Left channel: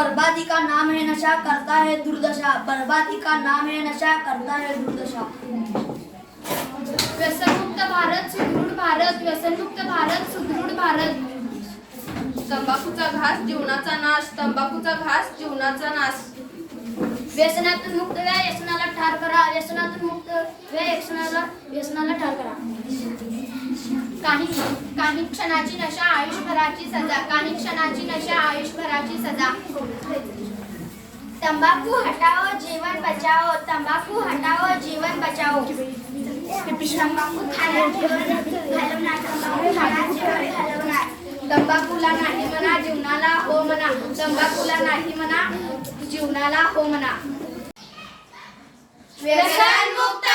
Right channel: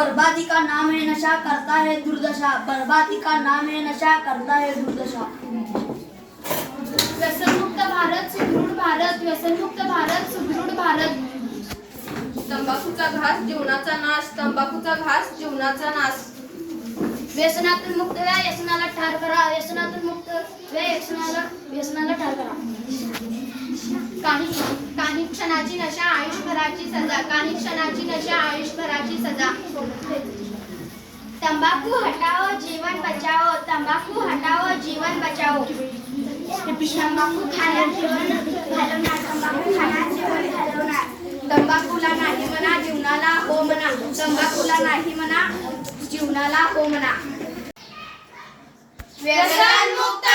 बर्बादी का नाम है नशा, करता है दुर्दशा। बर्बादी का नाम है नशा, करता है दुर्दशा। व्यसनमुक्त भारत सुदृढ भारत, व्यसनमुक्त भारत सुदृढ भारत। तंबाखूचा घास जीवनाचा नाश, तंबाखूचा घास जीवनाचा नाश। व्यसनातून मुक्त व्या, व्यसनाला ठार करा। व्यसनातून मुक्त व्या, व्यसनाला ठार करा। काही क्षणाची नशा आयुष्यभराची सजा, काही क्षणाची नशा आयुष्यभराची सजा। तंबाकू हटाओ जीवन बचाओ, तंबाकू हटाओ जीवन बचाओ। तंबाकू खाना जीवन घालवणार, तंबाकू खाना जीवन घालवणार। तंबाखूला नाही म्हणा, जीवनाला हो म्हणा। तंबाखूला नाही म्हणा, जीवनाला हो म्हणा। व्यसनमुक्त